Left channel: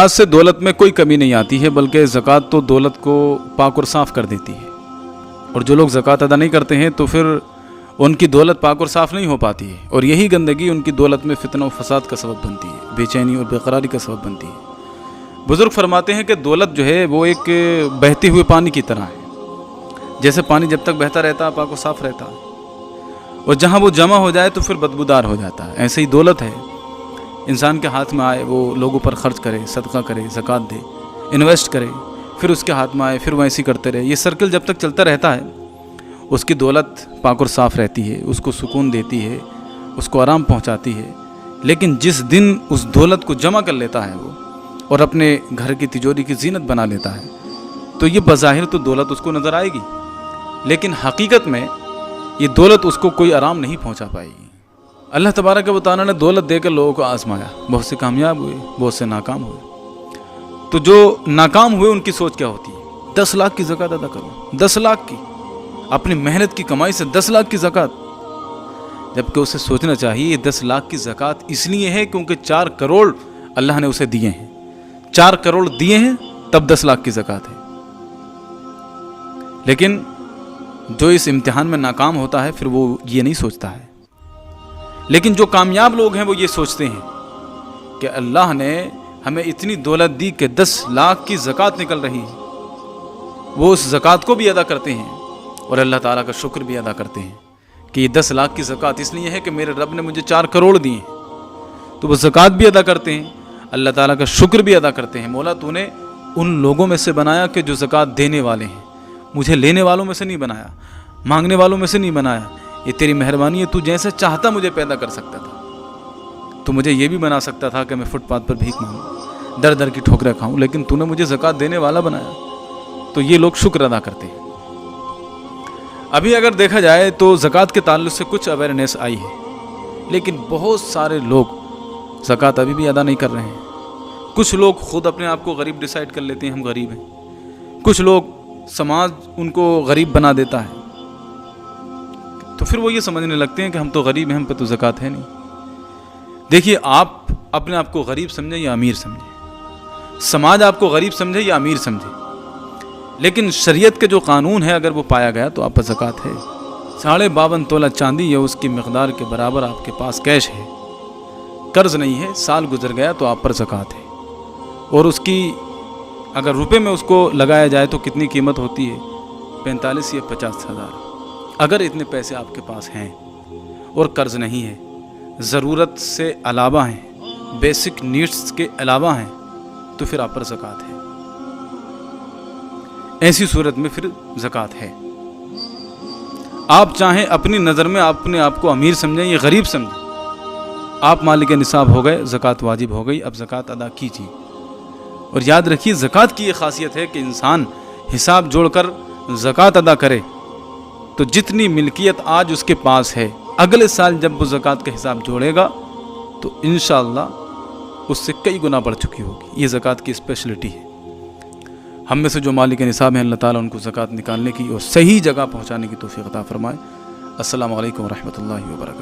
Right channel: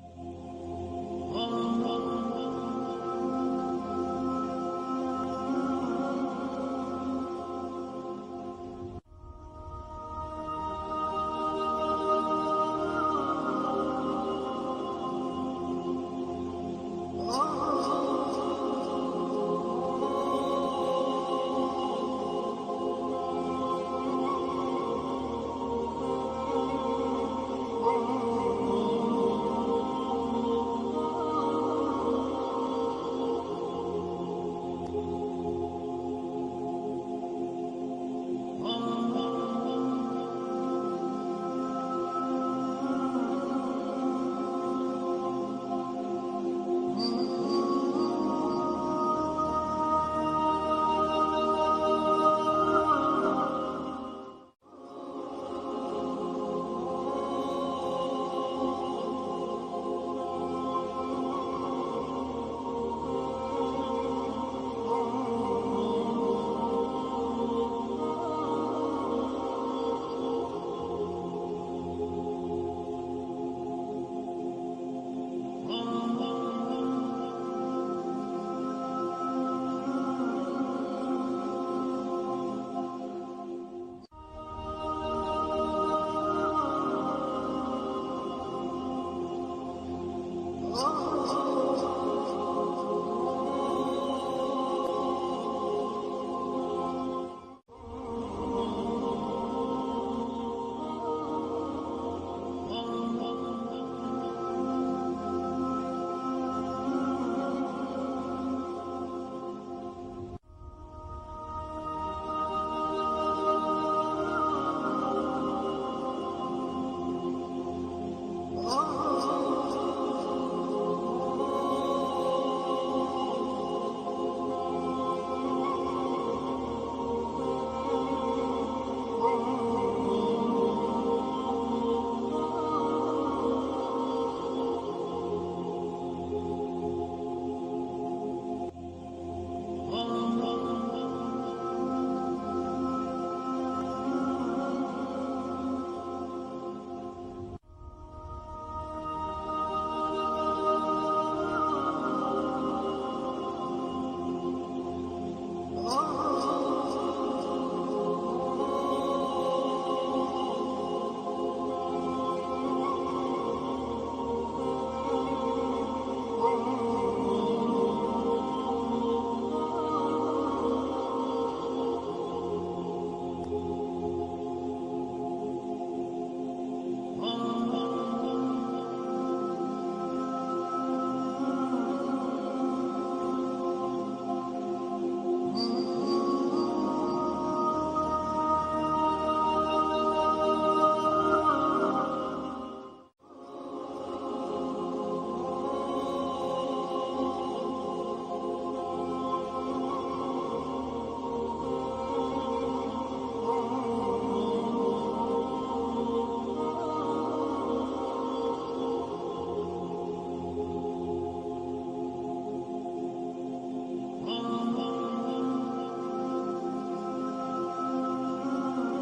आज से दौलत में कोई कमी नहीं आती है, बल्कि ज़कात तो दौलत को पाक और साफ़ कर देती है। और जो लोग ज़कात अदा नहीं करते हैं तो फिर उनकी दौलत पाक और साफ़ नहीं हो पाती है, और यही गंदगी उनकी दौलत में फितना और फसाद का सबब बनती है, बेचैनी और बेकरारी का सबब बनती है। बुज़ुर्ग फरमाते हैं कि दौलत जो है वो एक बहते हुए पानी की तरह है। जैसे पानी जब तक बहता रहता है पाक और साफ़ रहता है, और जहाँ वो जमा हो जाए तो फिर बदबूदार हो जाता है। ऐसे ही दौलत है, इंसान के हाथ में आए वो लोगों पर खर्च करे, सदका करे, ज़कात दे, इन्वेस्ट करे, फिर उसके हाथ में आए फिर वो ऐसे करते रहे। ये सर्कल जब तक चलता रहता है उसकी दौलत पाक और साफ़ रहती है, उसको सुकून देती है, उसको आराम पहुंचाती है। लेकिन जिस दिन उस दौलत को जमा कर लेता है वो और अपने घर की तिजोरी की जीनत बना लेता है तो ये बज़ाहिर तो दौलत उसको नज़र आएगी, लेकिन हकीकत में ये दौलत उसको कोई आराम नहीं पहुंचा पाएगी। अल्लाह तबारक व तआला ने दौलत देकर लोगों को आजमाया, बहुत से कामयाब हुए, बहुत से नाकाम हुए। तो जो नाकाम हुए उनकी सोच क्या होती है? 10 लाख की ज़कात अदा करो, 10 लाख की, अपनी मेहनत की कमाई से 10 लाख की ज़कात। जबकि उसे सोचना चाहिए ये 10 लाख की ज़कात इसलिए है क्योंकि 4 करोड़ अल्लाह ने उसे दिए हैं, 4 करोड़ दिए हैं तब 10 लाख की ज़कात है। लेकिन जो इस इम्तिहान में नाकाम होता है फिर वो ये नहीं सोचता है। लेकिन जो कामयाब लोग हैं वो ये सोचते हैं कि अल्लाह ने हमें इतनी दौलत दी कि 10 लाख की ज़कात निकल रही है। वो उस ज़कात को भी अदा करते हैं और अल्लाह ताला का शुक्र भी अदा करते हैं कि ये 10 लाख की ज़कात इसलिए है कि मेरे रब ने मुझे 4 करोड़ दिए हैं। तो वो ज़कात भी अदा करते हैं, अल्लाह ताला का शुक्र भी अदा करते हैं। मौला तूने उन लोगों में से बनाया कि जो ज़कात देने वाले हैं, मुझे लेने वालों में से नहीं बनाया, मांगने वालों में से नहीं बनाया। ये तेरी मेहरबानी है, तू जैसे चाहता मुझे पैदा कर सकता था। तो मुझे ये भी बना सकता था कि मैं फुटपाथ पर भीख मांगूं, दर दर की ठोकरें खाऊं, लेकिन तूने मुझे ज़कात देने वाला बनाया। तो ये लोग शुक्र अदा करते हैं। अभी अगर देखा जाए तो ज़कात के ताल्लुक़ से कुछ अवेयरनेस आई है, लेकिन बहुत सारे लोग ज़कात अभी भी अदा नहीं कर रहे हैं। कुछ लोग खुद अपने आप को गरीब डिसाइड कर लेते हैं, हम गरीब हैं। कुछ लोग समाज उनको गरीब बना देता है, तो फिर वो ये समझने लगते हैं कि हम तो गरीब हैं, हम पे तो ज़कात है नहीं। देखिए, आप अपने आप को गरीब समझें या अमीर समझें, समाज आपको गरीब समझे या अमीर समझे, लेकिन शरीयत के जो कानून है अगर वो पाया गया तो आप पर ज़कात है। 52.5 तोला चांदी या उसकी मिक़दार के बराबर आपके पास कैश है, कर्ज नहीं है, साल गुजर गया तो आप पर ज़कात है। और उसकी अगर रुपए में उसको लगाया जाए तो कितनी कीमत होती है? 45 या 50 हज़ार। अगर इतने पैसे आपके पास हैं और कर्ज नहीं है, ज़रूरत से अलावा हैं, बेसिक नीड्स के अलावा हैं, तो फिर आप पर ज़कात है। ऐसी सूरत में फिर ज़कात है। आप चाहें अपनी नज़र में अपने आप को अमीर समझें या गरीब समझें, आप मालिक निसाब हो गए, ज़कात वाजिब हो गई, अब ज़कात अदा कीजिए। और याद रखिए, ज़कात की ये खासियत है कि इंसान हिसाब जोड़कर ज़कात अदा करे तो जितनी मिल्कियत आज उसके पास है, अगले साल जब वो ज़कात का हिसाब जोड़ेगा तो इंशाअल्लाह उससे कई गुना बढ़ चुकी होगी। ये ज़कात की स्पेशलिटी है। हम में से जो मालिक निसाब हैं, अल्लाह ताला उनको ज़कात निकालने की और सही जगह पहुंचाने की तौफीक अता फरमाए। अस्सलामु अलैकुम व रहमतुल्लाहि व बरकातहू।